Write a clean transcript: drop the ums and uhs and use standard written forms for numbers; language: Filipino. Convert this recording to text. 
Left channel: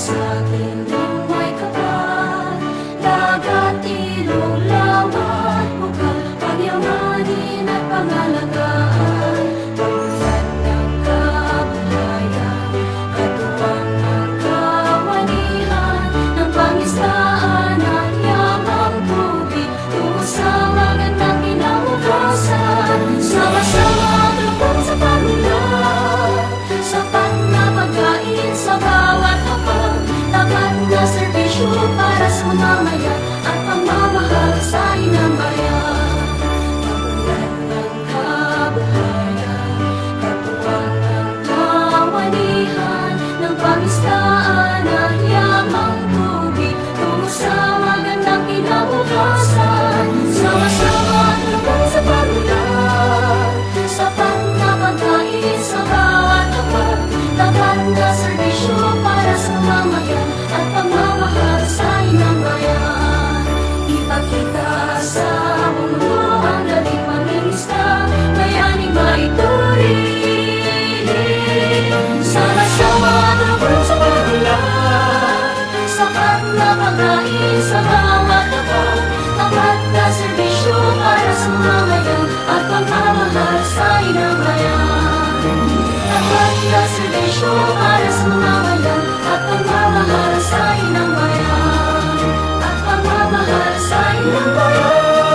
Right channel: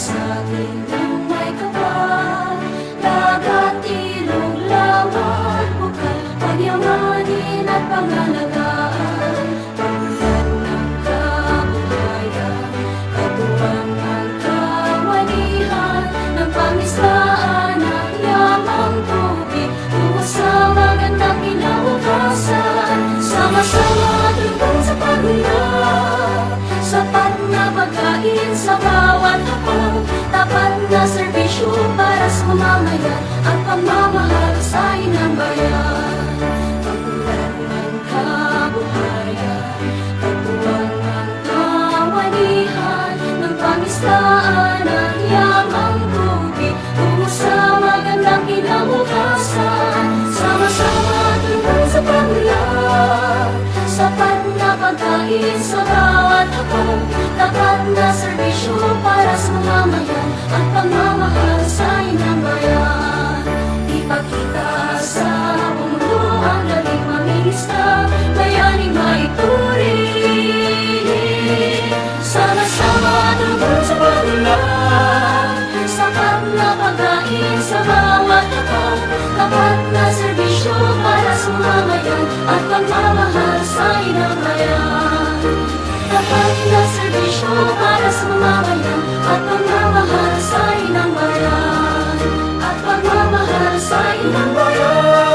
sa akin ng may kapal. Dagat, ilog, lawa at bukal, pagyamanin at pangalagaan. Pagmulan ng kabuhayan, katuwang ang kawanihan ng pangistaan at yamang tubig tungo sa magandang kinabukasan. Sama-sama tulungan sa pagunlad, sapat na pagkain sa bawat hapag, tapat na serbisyo para sa mamamayan at pagmamahal sa inang bayan. Pagmulan ng kabuhayan, katuwang ang kawanihan ng pangistaan at yamang tubig tungo sa magandang kinabukasan. Sama-sama tulungan sa pagunlad, sapat na pagkain sa bawat hapag, tapat na serbisyo para sa mamamayan at pagmamahal sa inang bayan. Ipakita sa buong mundo ang galing mangingisda, bayaning maituring. Sama-sama tulungan sa pagunlad, sapat na pagkain sa bawat hapag, tapat na serbisyo para sa mamamayan at pagmamahal sa inang bayan. Tapat na serbisyo para sa mamamayan at pagmamahal sa inang bayan, at pagmamahal sa inang bayan.